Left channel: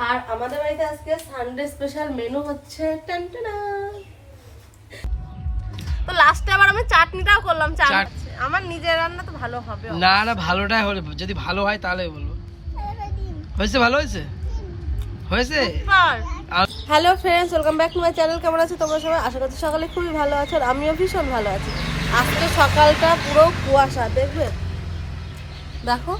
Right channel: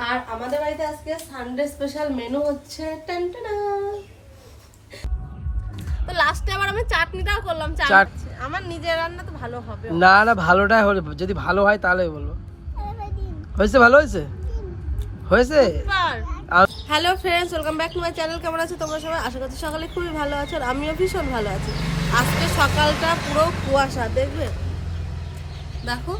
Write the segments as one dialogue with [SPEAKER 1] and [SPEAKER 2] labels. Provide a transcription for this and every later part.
[SPEAKER 1] আর আমাদের বাড়িতে আজকে সানডে স্পেশাল মেনু হচ্ছে টানটানা। তো লাস্টে আবার আমি চাটনিটাও করলাম আমার নিজের রান্না তো ভালো হবে।
[SPEAKER 2] না না ভালোটাই হলে যদি ভালো হয় তাহলে বলব। হয়েছে ভালো হয়েছে? হয়েছে? আর-
[SPEAKER 1] hello friends welcome back to my channel কেমন আছো তোমরা সবাই? আশা করছি সকালে খুবই ভালো আছো আর আমিও ভীষণ ভালো আছি। আজকে সকালটা পুরো কুয়াশা দেখবে? দেখো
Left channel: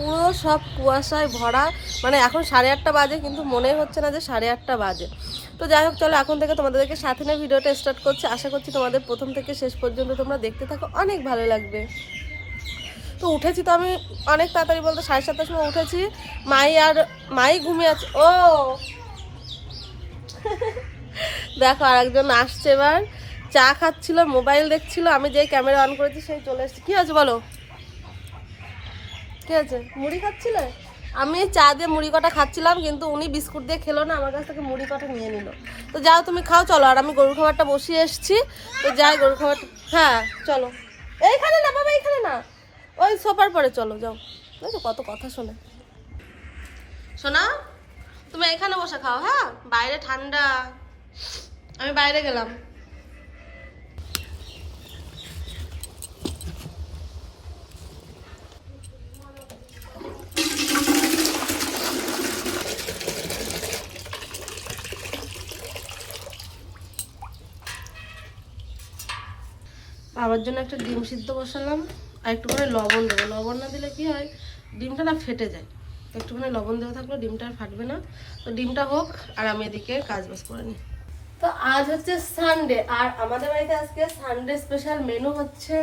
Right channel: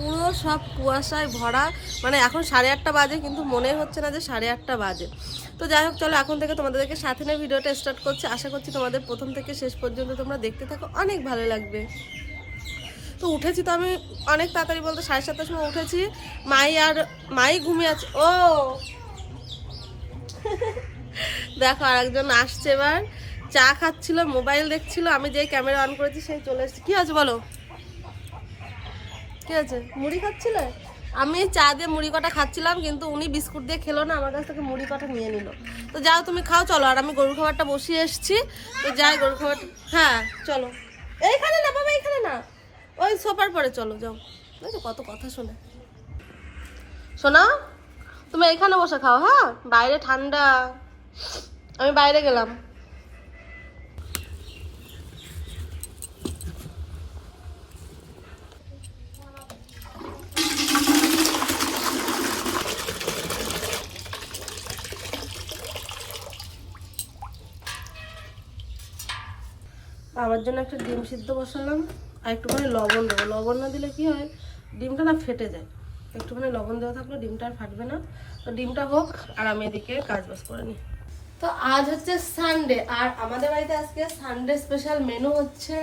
[SPEAKER 1] পুরো সব কুয়াশায় ভরা মানে এখন সাড়ে আটটা বাজে, কিন্তু মনে হচ্ছে না যে সাড়ে আটটা বাজে। তো যাই হোক, চলো এখন থেকে তোমাদেরকে সাথে নিয়ে ভিডিওটা স্টার্ট করছি। আশা করছি তোমাদের প্রথম থেকে শেষ পর্যন্ত তোমরা দেখতে থাকো, অনেক ভালো লাগবে। তো উঠেছি তো আমি অনেক তাড়াতাড়ি বলতে, সাড়ে সাতটার সময় উঠেছি। মাই আর, মাই ঘুমিয়ে আছে। ও! দেখো আরেকজন আসছে এবার। চা খাচ্ছিল, মোবাইল দেখছিল, আমি যেই ক্যামেরা অন করেছি সেই চলে এসেছে। কি আছে বলো? কি আছে, মুড়ি খাচ্ছিলে? আমি চা দিয়ে মুড়ি কটা খাচ্ছিলাম, কিন্তু উনি বিস্কুট দিয়ে খেলো না, আমার কাছ থেকে মুড়ি কটা নিয়ে নিল। তো যাও তুমি খাও, চলো, আর আমি গরুর খাবারটা বসিয়ে এসেছি। তো যাই, গরুর খাবার হ্যাঁ চলো। এইখানে না, বাবা, এইখানে না। ওই সোফার পরে চলো, যাও। কত কথা শোনে। শোনা, তুমি এখানে বসে খাও হ্যাঁ? বাইরে ঠান্ডা। আমি বাইরে গেলাম। বাবার জন্য একটা ডিম সিদ্ধ বসালাম, আর একটুখানি লবণ দেবো। লবণ না দিলে কি হয়, ডিমটা না ফেটে যায়। তো একটুখানি লবণ দেওয়া থাকলে ডিমটা আর ফাটবে না। তো ডিমটা হোক, আর আমি এদিকে কাজ বাজ করে নিই। তো আজ হচ্ছে সানডে আর আমাদের বাড়িতে আজকে সানডে স্পেশাল মেনু হচ্ছে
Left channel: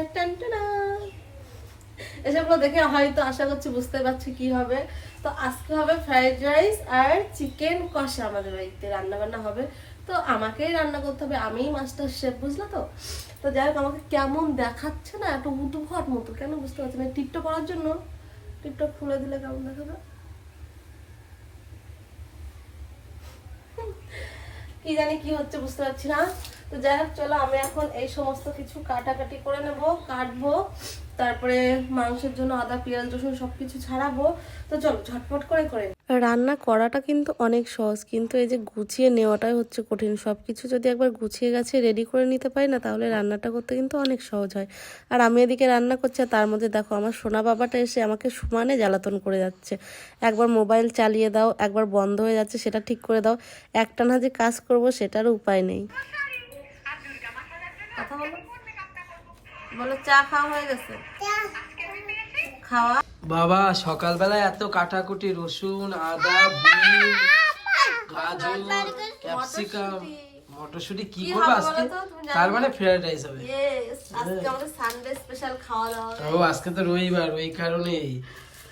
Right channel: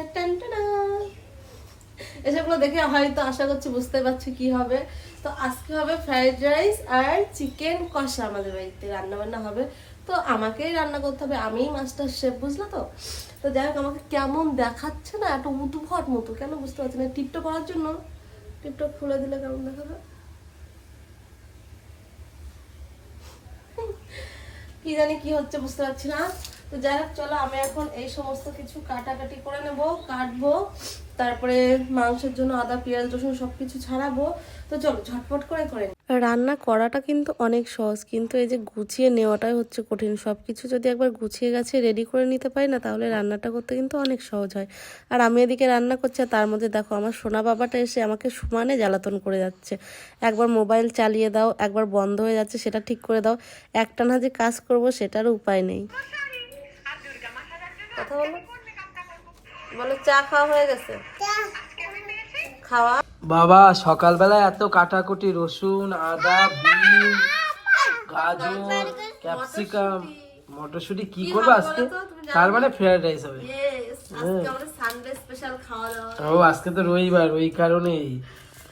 [SPEAKER 1] এসবগুলো দেখে হয়তো আশা করছি বুঝতে পারছি কি হবে। তো আজকে হবে ফ্রাইড রাইস আর চিকেন কষা আমাদের বাড়িতে। রান্না বান্না হবে তো আমাকেই রান্না করতে হবে, আমিই মাস্টার শেফ বুঝলো তো? তো যাই হোক, আমাকে কেমন দেখাচ্ছে না একটা উদ্ভট মতো, কেন বুঝতে পারছি না টিপটপ পাওয়ার জন্য? টিপটপ খুলে দিলে কেমন দেখাবে? কি জানি কি হচ্ছে বুঝতে পারছি না। তো যাই হোক, চলো, আমি এখন এই সমস্ত কিছু কাটাকাটি করে নেব, কাটবো, তারপরে মাংসের জন্য আদা, পেঁয়াজ, রসুন সবকিছু ছাড়াবো। তো চলো, ঝটপট করে করে। রান্না করাটা কিন্তু অনেক সহজ। কিন্তু এই যে গুছিয়ে নেওয়াটাই হচ্ছে কঠিন। সব কিছু যদি একবার গুছিয়ে গেছে রেডি করে নিতে পারি না তাহলে রান্নাটা করতে কিন্তু অনেক সহজ হয়। আর আমি এদিকে রান্না করছি আর তার মধ্যে দেখো আমার সোনা বাবাটা এসে আমাকে সমানে জ্বালাতন করে যাচ্ছে। একবার মোবাইল চালিয়ে দাও একবার বন্ধ হয়ে যাচ্ছে সেটা ঠিক করে দাও। একটানা যে কাজ করব সেটার উপায় নেই। বলে চা খাওয়া হয়ে গেছে? খাওয়া।
[SPEAKER 2] বাবা সকালবেলায় এত কাটাকুটি রসুন আদা বিন গাজর ক্যাপসিকাম মটরশুঁটি কি করবে আজকে? তার মানে ফ্রাইড রাইস হবে।
[SPEAKER 1] Yes, আজকে আমাদের সানডে স্পেশাল খাওয়া দাওয়া
[SPEAKER 2] ও আজকে তো রবিবার ওই কারণেই।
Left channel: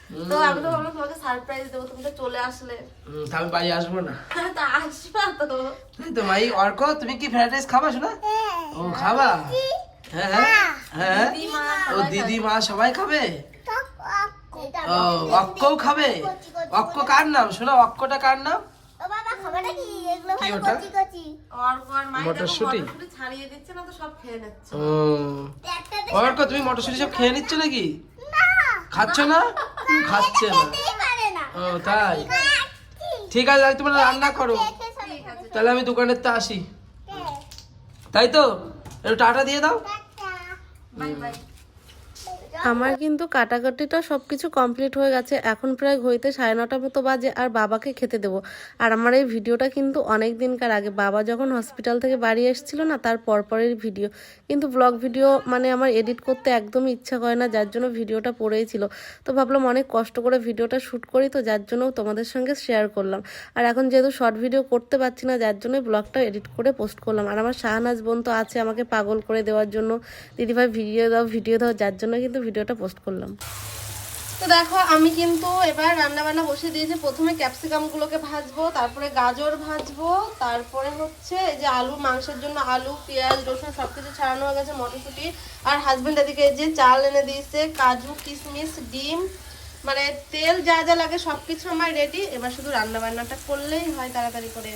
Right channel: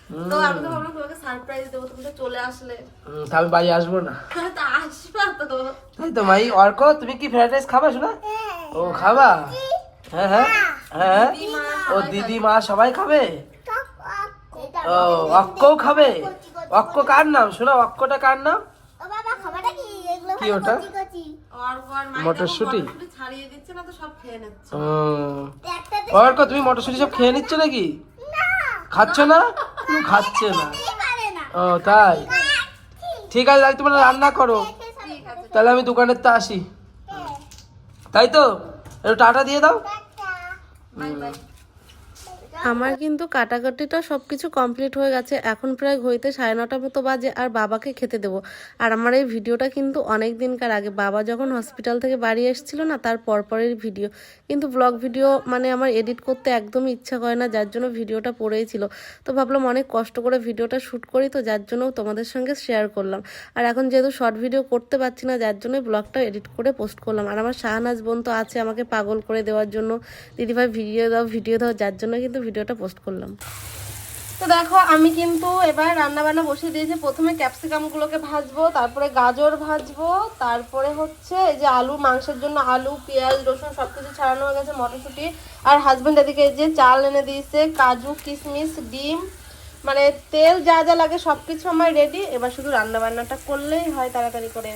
[SPEAKER 2] হুম,
[SPEAKER 1] তো আমি তো ভাবলাম তোমাকে সারপ্রাইজ দেবো তুমি তো চলে আসলে।
[SPEAKER 2] আমি বাড়ি আসব না।
[SPEAKER 1] তা আসবা তো।
[SPEAKER 2] তাই তো ভাই অর্ক তুমি কি ফ্রাইড রাইস খাবা শোনা? ও খাবা? হ্যাঁ হ্যাঁ। হ্যাঁ ও দিদি মা সবাই খাবে? ও অক্কও খাবে? অক্ক কার নাম? শোনা অক্কটা কার নাম? কি? ওটা? মটরশুঁটি?
[SPEAKER 1] মটরশুঁটি ছাড়িয়ে দিচ্ছে না তো সব খেয়ে নিচ্ছে।
[SPEAKER 2] ও। অর্ক তুমি মটরশুঁটি সব খেয়ে নিচ্ছ নাকি? খাচ্ছ না? খাচ্ছে না। ও তাই? ঠিক আছে তাহলে তোমরা রান্না করো। তাহলে আমি দোকানের তো আসি। তাই তো? একটু টাটা দিয়ে দাও।
[SPEAKER 1] আমার কিন্তু কাটাকাটিটা সব কিছু কমপ্লিট হয়ে গেছে। এখন প্রায় ঘড়িতে সাড়ে নটা মতো বাজে আর বাবাকে খেতে দেবো। আর আমার এই ভিডিওটা কিন্তু অনেক দিনকার আগে। বাবা যখন হসপিটাল থেকে বাড়ি এসেছিল না, তার পরপরের ভিডিও কিন্তু ব্লগ ভিডিও মানে আমার এডিট করতে একদমই ইচ্ছা করে না, যার জন্য ভিডিওটা পড়েই ছিল। তো ভাবলাম অনেক কষ্ট করে ভিডিওটা শ্যুট করি, তো যার জন্য তোমাদের সঙ্গে শেয়ার করলাম। আর এখন যেহেতু শর্ট ভিডিও করতে পারছি না, যার জন্য ব্লগটা এডিট করে পোস্ট করলাম। আর আমার শাহনাজ বোন তো আছে আমাকে পাগল করে দেওয়ার জন্য। দিদিভাই ভিডিও দাও ভিডিও দাও, যার জন্য কিন্তু ভিডিওটা পোস্ট করলাম। তো দেখো, আমি কিন্তু এবার রান্না বান্না বসিয়ে দিয়েছি। প্রথমে ক্যাপসিকাম গুলোকে ভাজবো, তারপরে গাজর ভাজবো, তারপরে হচ্ছে এই যে আলু, মাংসের জন্য আলু, পেঁয়াজ, রসুন, সবকিছু ছাড়ানো হয়ে গেছে মটরশুঁটি। আর হাজবেন্ড এদিকে যে চাল এনে দিয়েছে, কাজু, কিশমিশ ডিম মানে তেল যা যা লাগে সবকিছু আমার রেডি এবার শুধু রান্না বান্নাটা করলেই হয় তাড়াতাড়ি করে।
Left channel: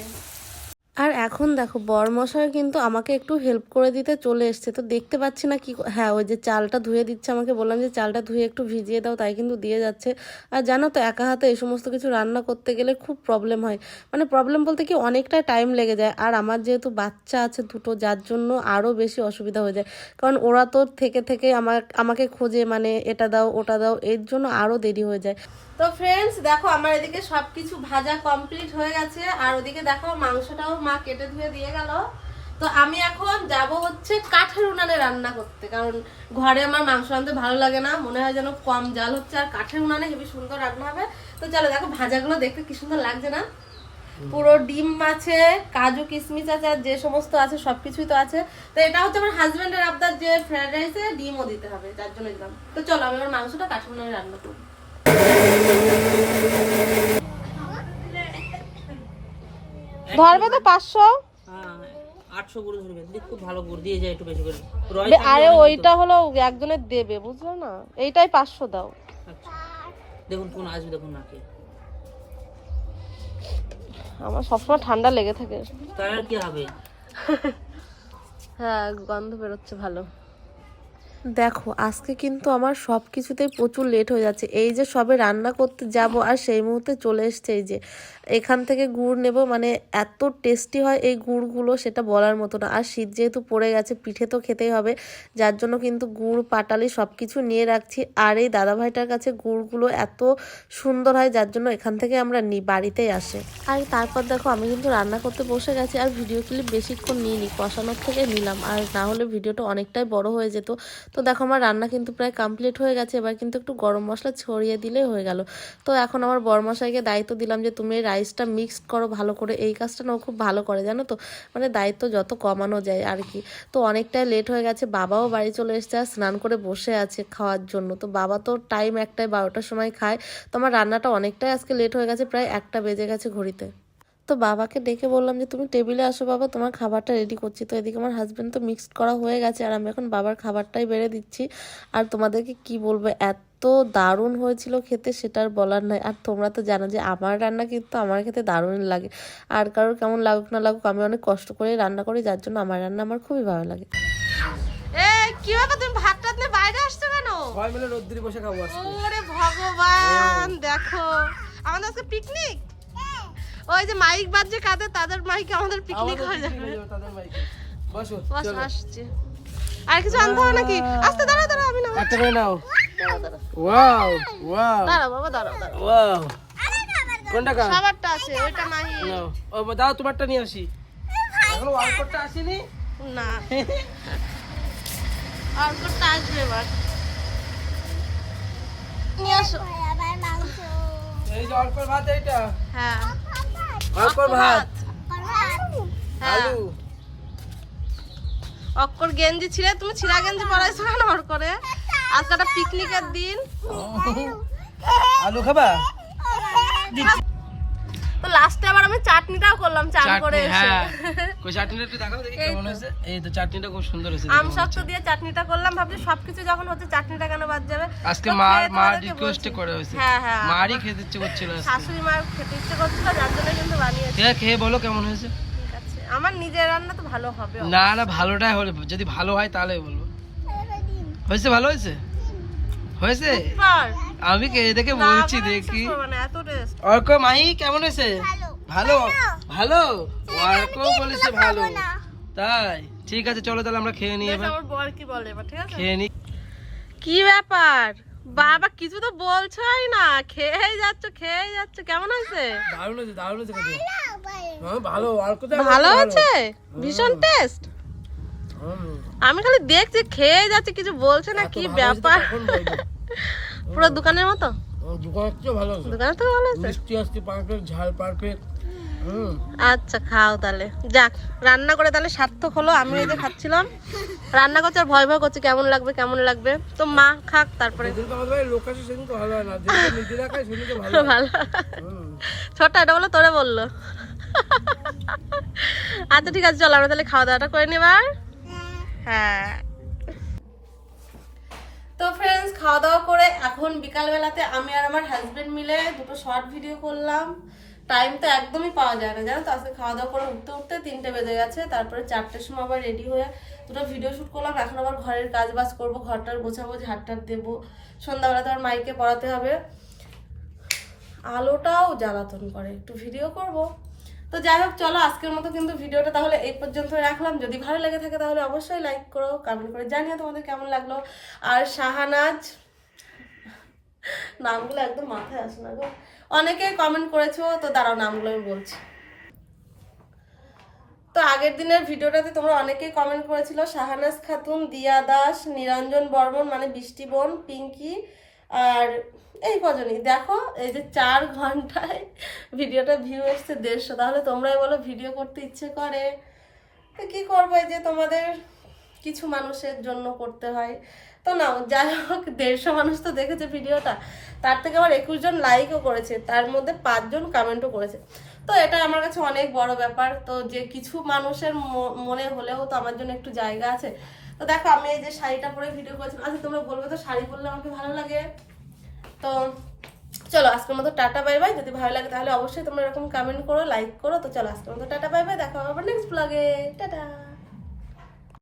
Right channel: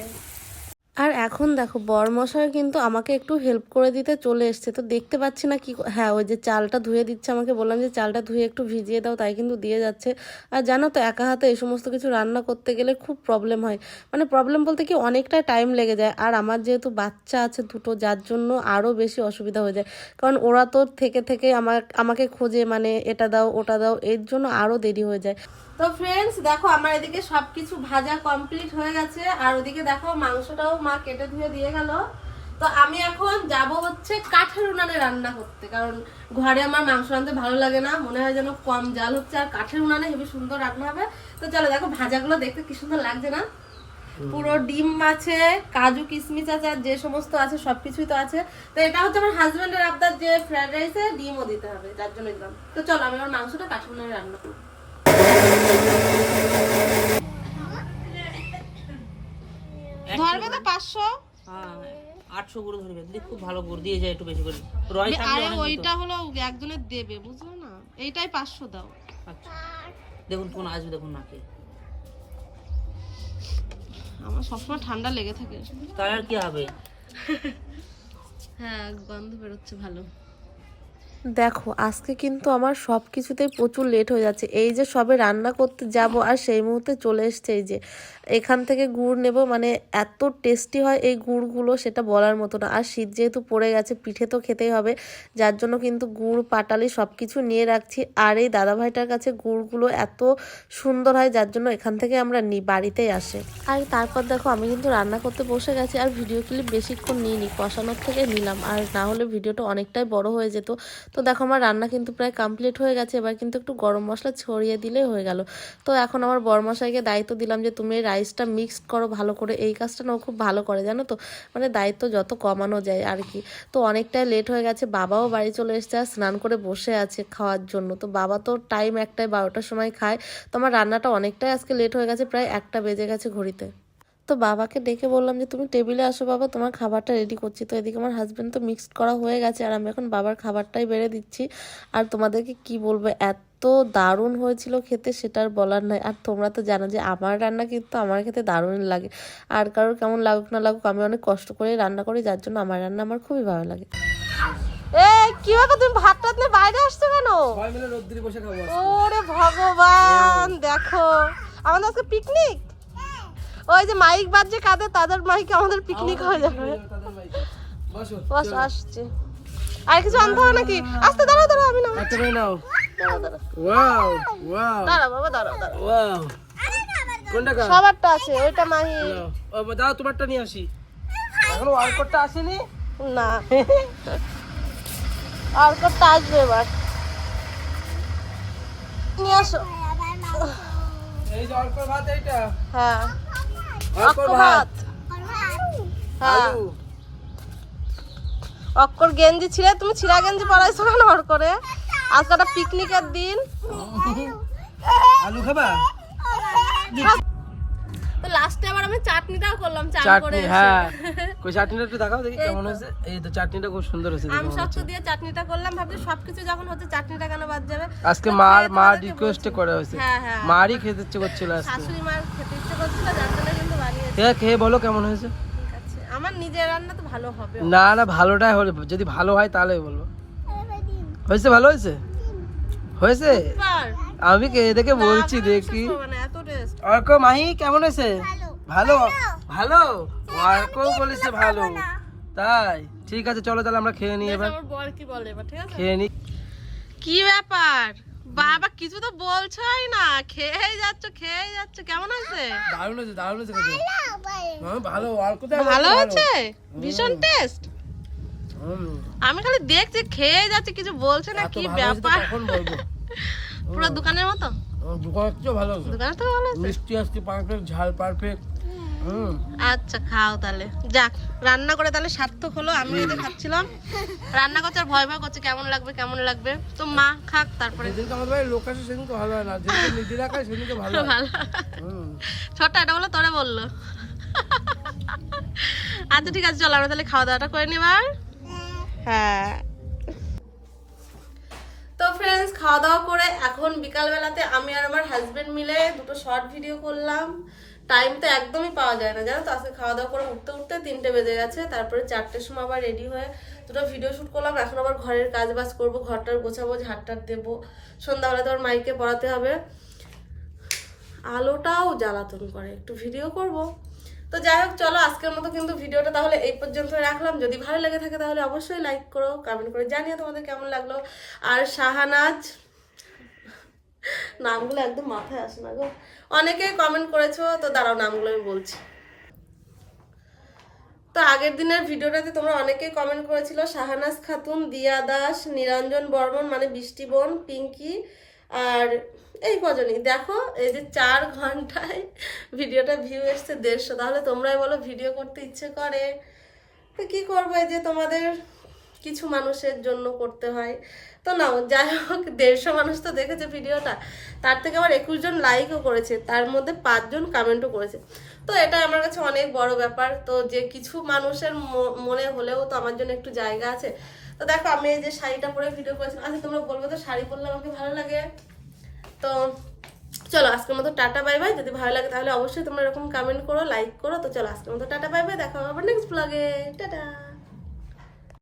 [SPEAKER 1] আর এখন দেখো, বরমশাই কিন্তু আমাকে একটু হেল্প করে দিতে চলে এসছে। তো দেখতে পাচ্ছি না কি হ্যাঁ ওই যে চালটা ধুয়ে দিচ্ছে আমাকে। বললাম যে চালটা ধুয়ে একটু ভিজিয়ে দাও, তাই কিন্তু দিয়ে যাচ্ছে। আর জানো তো, একা হাতে এই সমস্ত কিছু রান্না করতে গেলে খুব প্রবলেম হয়। মানে প্রবলেম বলতে কি, অনেকটা টাইম লেগে যায়। আর আমার যেহেতু বাচ্চা আছে দুটো, যার জন্য আরও বেশি অসুবিধা হয়ে যায়। কারণ ওরা তো থেকে থেকে আমার আমাকে খোঁজে মানে এটা দাও, ওটা দাও, এর জন্য আরও দেরি হয়ে যায়। তো ফ্রেন্ডস দেখো, আমার এদিকে সব কিছু ভাজা কমপ্লিট হয়ে গেছে। আর ওদিকে দেখো, মাংসটাও মা কেটে ধুয়ে দিয়ে গেল। তো আমি এখন যাব হচ্ছে কাঠের উনানে রান্না করতে কারণ ঘরে আমার মাংস রাঁধতে ভালো লাগে না মনে হয় যেন কম জাল হচ্ছে আর কাঠের উনানে হেবি সুন্দর রান্না হবে। তো চলো দেখো ভাজাগুলো দেখতে কি সুন্দর লাগছে না? পুরো ডিম আছে কাজু কিশমিশ আছে আর যে সমস্ত আছে সবকিছুই তো আছে। তো এটা হচ্ছে আমার হাজবেন্ডের আবদার যে ফ্রাইড রাইসে ডিমও দিতে হবে যার জন্য দিলাম। তো চলো আমি আমার মাংসটা কাঠের উনানে রান্না করব। ধরবে তো পাঁচশো?
[SPEAKER 3] হ্যাঁ আটশো করে ধরবে। দিদি খুব ভালো দিয়ে যায় একটু বেশি করে।
[SPEAKER 1] আরে ওইটা হলো একজনের দেবে বুঝলো না? এইটাই পাঁচশো দাও।
[SPEAKER 3] আচ্ছা। দেখুন কোন আসবে দেখুন নাকি।
[SPEAKER 1] আমার সবসময় ঠান্ডা লেগে থাকে।
[SPEAKER 3] তাই আর কি হবে?
[SPEAKER 1] হ্যাঁ গন্ধ বেরোচ্ছে ভালো। দেখো, আজকে কিন্তু আমার সব কিছুতেই প্রচুর লেট হয়ে যাচ্ছে। এই যে সবে রান্না করতে যাব আর সেই মুহূর্তে চলে এসছে এই যে, এখান থেকে গুড় নেব মানে এত টেস্টি হয় এই গুড়গুলো সেটা বলার মতো না। আর শীত যেহেতু পড়ে গেছে, পিঠে তো খেতেই হবে, যার জন্য কিন্তু গুড়, পাটালি সব কিছু নিয়ে রাখছি। আর এই দাদাভাইটার কাছে গুড়গুলো এত সুন্দর হয়, যার জন্য এখান থেকে আমরা নিই বাড়িতেই আসে। আর তারপর দেখো, আমি কিন্তু রান্না করতে বসে গেছি, আর ভিডিও ক্লিপ বেশিক্ষণ নিইনি, কষানোর থেকে নিলাম। আর না হলে ভিডিওটা অনেকটাই বড় হয়ে যেত। তো দেখো আমার রান্না কিন্তু প্রায় কমপ্লিট হয়ে গেছে। এবার কিন্তু একটু গরম মশলা ছড়িয়ে দিলেই হয়ে গেল। তো এখন আমার বরমশাইকে দায়িত্ব দিলাম যে, তুমি রাইসটা মিক্সড করো ভালো করে। এই কাজটা না খুব ভালো করে, জানো তো? মানে দায়িত্ব যত কমানো যায় আর কি। তো অনেকটাই লেট হয়ে গেছে, বাবাও বাড়ি চলে এসেছে, আর স্নান করে বসে আছে খাওয়ার জন্য। তো বাবা তো টাইম একটাই বারোটার সময় খায়। তো আমার রান্নাটা অনেকটাই আজকে লেট হয়ে গেছে, প্রায় একটা বেজে গেছে ঘড়িতে। তো বাবাকে ডেকে বললাম যে তুমি টেবিলে আসো বাবা তোমার খাবারটা রেডি করছি। তো এদিকে আমার হাজব্যান্ড তো মিক্সড করা হয়ে গেছে আর আমি এখন বাবার খাবারটাই বেড়ে দিচ্ছি। আর তোমাদেরকে কি বলব এত দারুণ হয়েছিল খেতে সেটার বলার নয় আর তোমরা তো জানো যে আমার রান্না কিন্তু আমার খেতে দারুণ লাগে। আর কারোর কেমন লাগুক না লাগুক আমি অনেক কষ্ট করে রান্না করি যার জন্য আমার রান্না আমার খুবই ভালো লাগে। এ কি ব্যাপার? তুমি ভাত টাত নিয়ে বাইরে আসছো কেন?
[SPEAKER 2] সবাই মিলে রোদ্দুরে বসে খাব
[SPEAKER 1] ওরে ভগবান দেখো। আমাদের আজকে পিকনিক ওই যে মাইক বাজছে কাদের তাদের মাইকে আমাদের পিকনিক হয়ে যাবে।
[SPEAKER 2] বসো
[SPEAKER 1] আসছে। আর কিছু আনতে হবে নাকি? আস্তে দাঁড়াও দাঁড়াও আমি না
[SPEAKER 2] একটা করে নাও। Wow wow.
[SPEAKER 1] দাঁড়াও বাবা দাঁড়াও দাঁড়াও।
[SPEAKER 2] ওয়াও। কোনটা কার?
[SPEAKER 1] সবারটা আছে ওইটা মাহি।
[SPEAKER 2] ও দাও তোমারটা নিয়ে আসি। এখনও ওয়ার্কআউটটা আসেনি?
[SPEAKER 1] না। আর আসবে এবার। নিয়ে আসো।
[SPEAKER 2] এই যে অল্প ভাত এইটা।
[SPEAKER 1] হ্যাঁ। অক্কর
[SPEAKER 2] ভাত।
[SPEAKER 1] হ্যাঁ।
[SPEAKER 2] আলু।
[SPEAKER 1] গেঞ্জি ছিলে তুমি ছিলা গেঞ্জি পরাইছো কেন ওর করে আজকে একটা পিকনিকের দিন।
[SPEAKER 2] আলু খাবা?
[SPEAKER 1] তো লাস্টে আবার আমি চাটনিটাও করলাম চাট করে।
[SPEAKER 2] হ্যাঁ। কই চাটনিটা একটু দেখাও দেখি কেমন হয়েছে। এই তো চাটনিটা খুব সুন্দর হয়েছে
[SPEAKER 1] আম দিয়ে চাটনিটা করলাম ভাবছি সবকিছু যখন হচ্ছে চাটনিটা কেন বাদ যাবে?
[SPEAKER 2] আজকে মা মা রিকোয়েস্টে। করে হয়েছে।
[SPEAKER 1] হ্যাঁ হ্যাঁ।
[SPEAKER 2] মারই খেতে ইচ্ছে করছিল আজকে।
[SPEAKER 1] শাশুড়ি মার খেতে ইচ্ছে করছিল যার জন্য কিন্তু বানিয়েছি।
[SPEAKER 2] খেয়ে খেয়ে বলো কেমন হয়েছে?
[SPEAKER 1] ঠিক আছে। আমার নিজের রান্না তো ভালো হবে
[SPEAKER 2] না না ভালোটাই হলে যদি ভালো হয় তাহলে বলব। হয়েছে ভালো হয়েছে? হয়েছে? আমি কে দেখে বলছি দেখি।
[SPEAKER 1] মানে এত টেস্ট
[SPEAKER 2] অর্ক মাহি কেমন হয়েছে? ভালো। ভালো? অর্ক বলেছে ভালো। তাই? ঠিক আছে চলো তাহলে আমরা খেয়ে নিই এবার।
[SPEAKER 1] আমার বর কি বলে এবার ঠিক আছে?
[SPEAKER 2] খেয়ে নিই
[SPEAKER 1] কি ব্যাপার? বাবা কিছু তো বলছোই না। খেয়েই যাচ্ছ খেয়ে যাচ্ছ। কেমন আছে?
[SPEAKER 2] দারুণ আছে দারুণ আছে হ্যাঁ, ভালো। অর্ক তো
[SPEAKER 1] ভালো হয়েছে? ভীষণ টেস্ট।
[SPEAKER 2] হুম,
[SPEAKER 1] আমি খালি দেখছি খেয়ে যাচ্ছে কিছু বলছে না কি
[SPEAKER 2] ভালো তো
[SPEAKER 1] ব্যাপার? পুরো দোকানের মতো?
[SPEAKER 2] দোকানের চেয়েও ভালো হয়েছে।
[SPEAKER 1] দোকানের তো ভালো হয়েছে?
[SPEAKER 2] মিষ্টি আজকে পারফেক্ট ঝাল পারফেক্ট।
[SPEAKER 1] আচ্ছা খাও তাহলে। যাক রান্না করে তাহলে সার্থক হলো আমি এই যে খাচ্ছিলাম। রান্না করছে আর ভয় ভয় করছে কেমন লাগবে কেমন লাগবে? তো মা খাক তারপরে
[SPEAKER 2] ভালো।
[SPEAKER 1] ছোট্ট এটা বলে তোরে বলল। আচ্ছা ঠিক আছে চলো আমরা তাহলে খাওয়া দাওয়াটা করে নিবার হ্যাঁ। তো ফ্রেন্ডস খাওয়া দাওয়া করে এখন বিকালবেলাতে আমি আর আমার হাজবেন্ড মিলে দুটো শর্ট ভিডিও করলাম। টাইম তো একদমই পাওয়া যায় না। জানো তো, আজকে খাওয়া দাওয়া করে উঠতে উঠতে তিনটে বেজে গেছে, তারপরে চারটের সময় আবার রেডি হয়ে দুটো ভিডিও শ্যুট করলাম, এখন আবার ঘরের কাজ বাজ করব, ঘরটার গোছাবো, ঝাড়টার দেবো সন্ধ্যাবেলা তো আর মাইকে পড়াতে হবে। আলোটাও জ্বালাতন করে, একটু ভিডিও করব। তো যাই হোক, চলো আজকের মতো কিন্তু ভিডিওটা তাহলে এই পর্যন্ত রাখলাম। যদি ভালো লেগে থাকে তাহলে অবশ্যই লাইক করো কমেন্ট করে জানিও তোমাদের কেমন লাগল। আর শাহানাজ নামগুলো একদম মাথায় আসে না গো। অনেকে কমেন্ট করেছ, তো দাঁড়াও, নামগুলো আমি বলছি। তো আগের দিনের ভিডিওটাতে তোমরা অনেকে কমেন্ট করেছিল, শাহানাজ খাতুন, দিয়া দাস, নিরঞ্জন বর্মন মানে বৃষ্টি বোন, পিঙ্কি, আর এই কজনই। দেখো, এই যে চার ঘন্টায় ভিডিওটা ভিউ এসছে দেড়শো, তাহলে তোমরাই বলো ভিডিও করতে ইচ্ছে করে। তো কী করব, এই যে তোমাদের কিছু মানুষের জন্য করতে হয়। তো না যাই হোক দেড়শো মানুষ তো দেখেছে ভিডিওটা, তার থেকে আবার একুশ জন লাইকও করেছে, তার মধ্যে পাঁচজন কমেন্টও করেছে। তো এটা আমার কাছে অনেক বড় ব্যাপার, তো যে কিছু মানুষের মনে হলেও তো আমার জন্য একটু জায়গা আছে। তো দেখো, আমি এই যে শাড়িটা পরে ভিডিও করেছিলাম আচ্ছা তোমরা বলবে তো শাড়ি পরলে আমাকে ভালো লাগে? তো চলো, আজকের মতো টাটা বাই বাই যদি ভালো লাগে তাহলে অবশ্যই তোমরা এরকম কমেন্ট করো লাইক করো। তো চলো, আজকের মতো টাটা বাই বাই দেখা হবে নেক্সট ব্লগে টাটা।